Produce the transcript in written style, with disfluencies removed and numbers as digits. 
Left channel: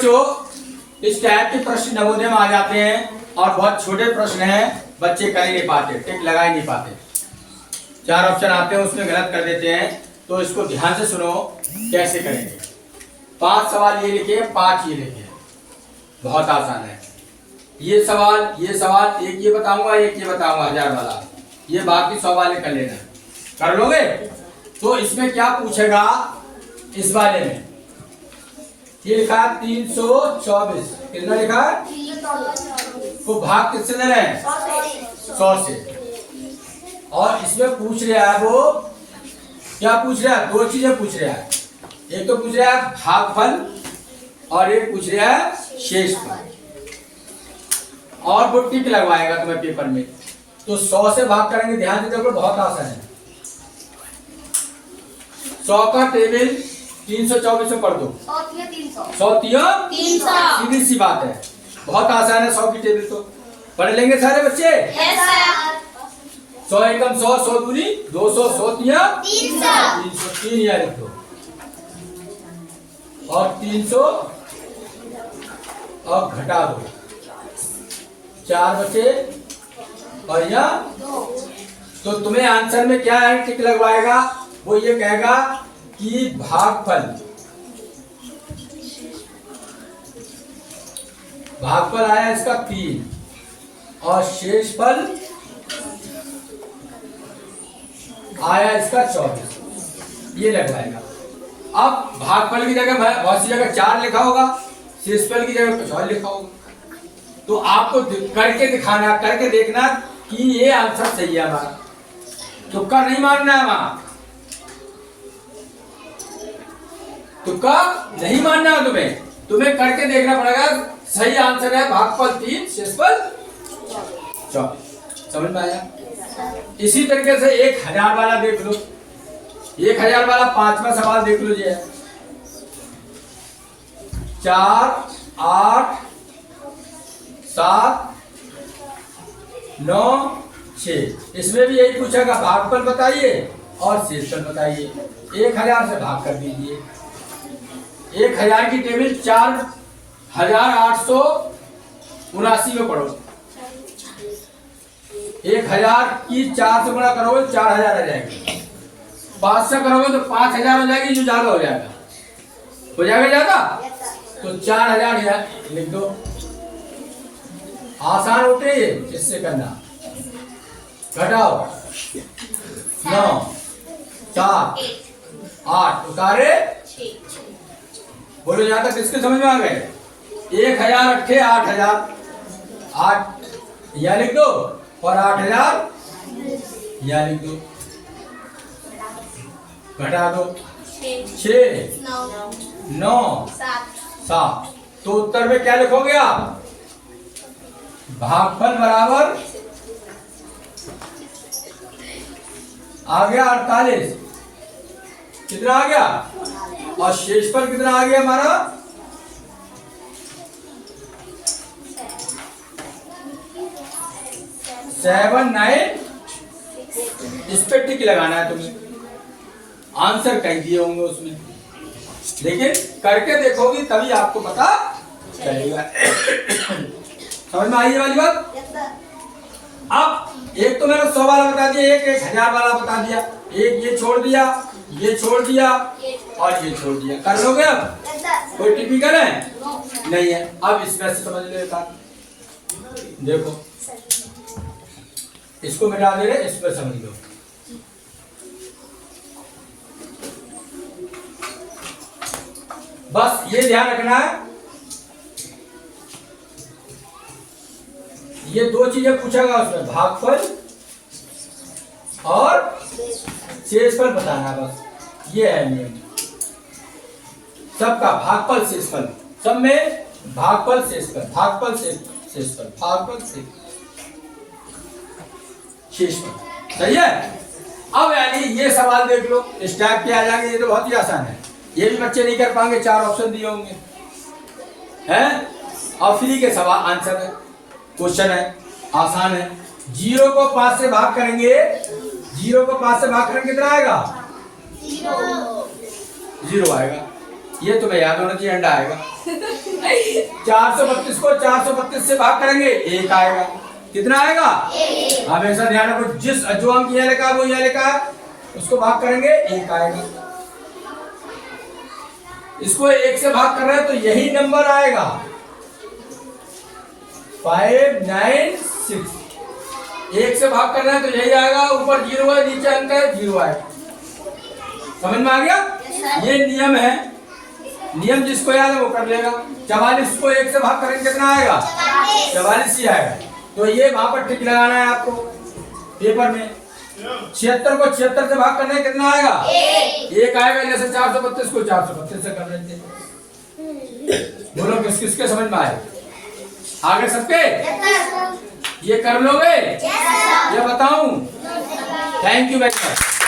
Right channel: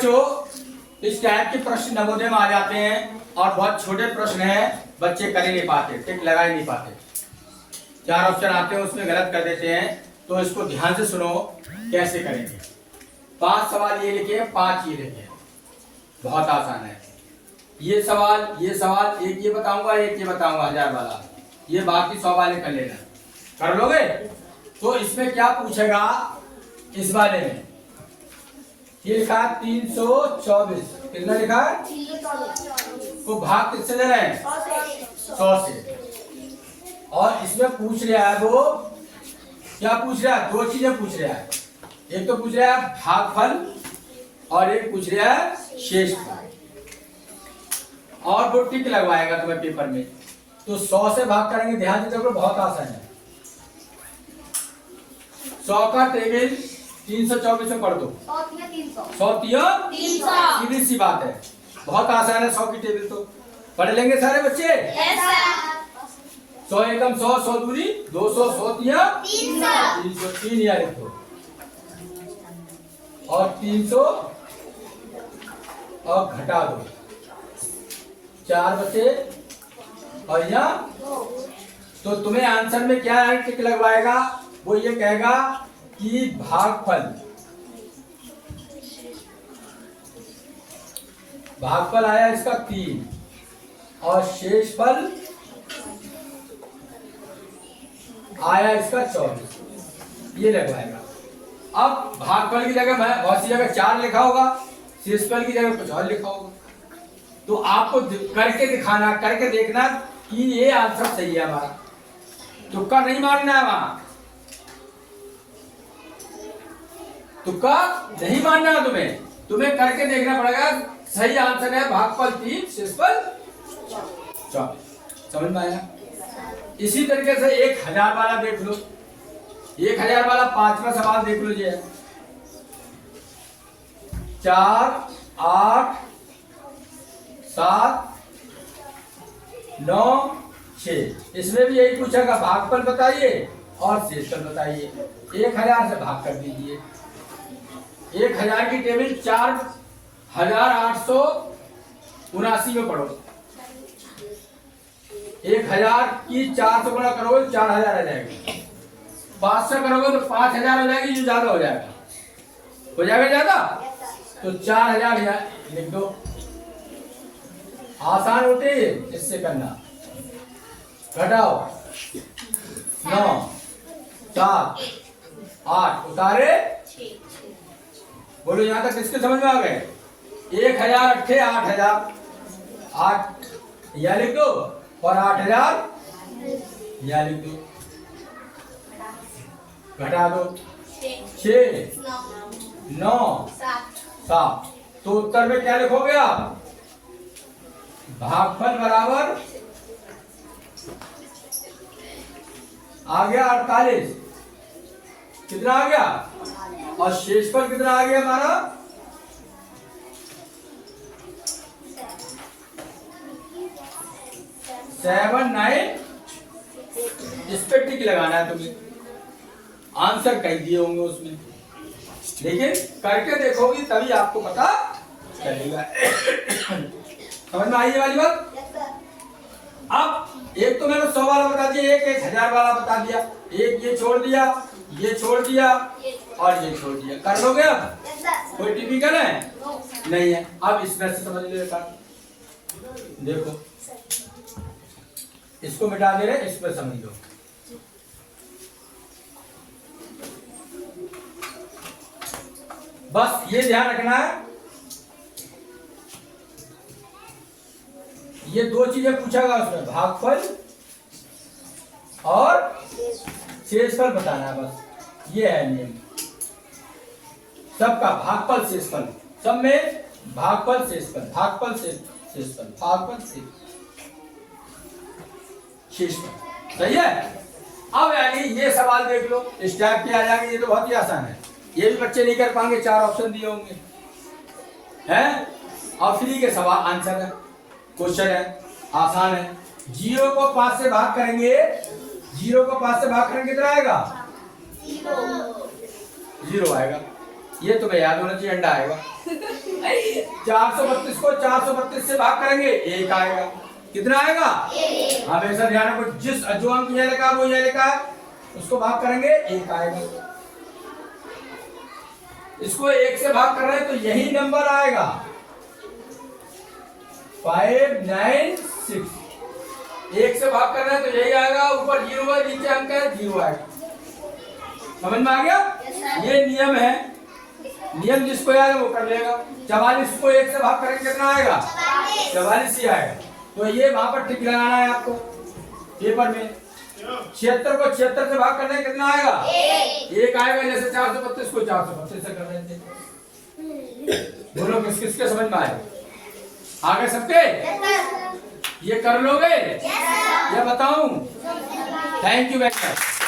बच्चों, इस टाइप के प्रश्न नवोदय में आ जाते हैं और बहुत छोटे प्रश्न हैं, बच्चे कर ही नहीं पाते, टिक लगा ही नहीं पाते। 4 ऑप्शन आते हैं उसमें गलत कर देते हैं, तो इसको ध्यान से सुनो कैसे करेंगे। 5 सवाल ये लिखे, 5 ये लिखे, बहुत आसान है। ये सवाल एक ये बताऊंगा, एक ये बताऊंगा 1000 वाला, ये बाकी 100 वाले कर लेना। कर लोगे? तो इसमें क्या पूछेगा, इस वाले में ये लिखा 324, कितना लिखा है को भाग किससे दे रहे हैं 100 से। और इसमें पूछ रहा है वो क्या पूछ रहा है, 2 चीजें पूछ रहा है। एक तो पूछ रहा है भागफल और एक पूछ रहा है शेषफल, और वो टिक लगवाएगा तुम्हें पेपर में। तो 100 से भाग करेंगे, ध्यान से देखो बहुत आसान है। 100 का टेबल 324 में पढ़ दो, 100 सीधी सी बात है, बहुत आसान है। 100 की टेबल तो पढ़ लेंगे सारे बच्चे। 100 एकम 100, 100 दूनी 200, 100 तिया 303 यार लिख दो, और 300 और घटा दो, 4 बचे और यहाँ। तो तुम्हें आंसर में क्या है टिक लगवाएगा, वो ये कहेगा कि भागफल आया इसका 3 और शेषफल आया इसका 24, ये लगवाएगा। अब भागफल की जगह बहुत सी जगह 4 लिखा होगा, शेषफल की जगह कुछ और लिखा होगा। तो आपको करके दिखाना, करके देखना कि ये आंसर सही है हमारा, तुक्का नहीं मारना है वहां, तुक्का नहीं मानना है तुम्हें करके देखना पड़ेगा। सही आंसर है भागफल 3, शेषफल 24। समझ में आया? इसी तरीके से 1000 वाला देख लो, 1000 वाला 5वां सवाल देख लो। ये 4, 8, 7, 9, 6, इसमें भी यही पूछेगा भागफल बताइए और शेषफल बताइए। 1000 से भाग कर दीजिए। 1000 की टेबल 4879 में पढ़ो। 1000 की 4 से बड़ा करोगे तो 4000 आ जाएगी, 5 से करोगे तो 5000 हो जाएगी, जो ज्यादा हो जाएगा ज्यादा, तो 4000 लिख दो। आसान उतरे इससे करना, घटाओ 9, 4, 8 उतारे, बोलो यहां तक किसके समझ में आ गए? 1000 अट्ठे 8000, 8 यह लिख दो और 8000 यह लिख दो, घटा दो 6, 9, 7। तो उत्तर में क्या लिखोगे आप? भागफल बराबर आ गया 48, कितना आ गया, और शेषफल कितना आ गया हमारा 7, 9। इस पे टिक लगाना है तुम्हें, आंसर कह दिए होंगे उसमें, लेकिन करके देखोगी तभी आपको पता चलेगा। समझ में आई वाली बात? अब एक तो मैंने 100 वाला बता दिया, एक 1000 वाला बता दिया, एक ये छोड़ दिया, ये छोड़ दिया और ये छोड़ दिया। कर लोगे अब? कोई टिपिकल है? नहीं है। अब इसमें से समझ ले बात, देखो इसको मिटा दे रहे, इस पर समझ लो। बस ये ध्यान रखना है, ये 2 चीजें पूछेगा उसमें, भागफल और शेषफल बताना, बस ये है नियम सबका। भागफल शेषफल, सब में भागफल शेषफल, भागफल शेषफल, भागफल शेषफल, सही है। अब यानी ये सवाल देख लो, इस टाइप के आ जाएंगे, ये तो बहुत ही आसान है, ये भी बच्चे नहीं कर पाएंगे, 4 ऑप्शन दिए होंगे हैं, और फ्री के सवाल आंसर है, क्वेश्चन है, आसान है। 0 को 5 से भाग करेंगे, 0 को 5 से भाग करेंगे कितना आएगा? 0 आएगा। ये तुम्हें याद होना चाहिए, अंडा आएगा। 432 को 432 से भाग करेंगे, 1 आएगा। कितना आएगा? हमेशा ध्यान रखो, जिस जो अंक यहाँ लिखा है वो यहाँ लिखा है, उसको भाग करेंगे, 1 आएगा। इसको 1 से भाग कर रहे हैं तो यही नंबर आएगा, 596। 1 से भाग कर रहे हैं तो यही आएगा, ऊपर 0 है, नीचे अंक है, 0 आएगा। समझ में आ गया? ये नियम है, नियम जिसको याद है वो कर लेगा। 44 को 1 से भाग करेंगे कितना आएगा? 44 ही आएगा। तो ये वहां पर टिक लगाना है आपको पेपर में। 76 को 76 से भाग करने कितना आएगा? 1 आएगा। जैसे 432 को 432 से कर लेते हैं। बोलो किस किसके समझ में आए? आगे सबके ये कर लोगे या बताऊं? Thank you very much.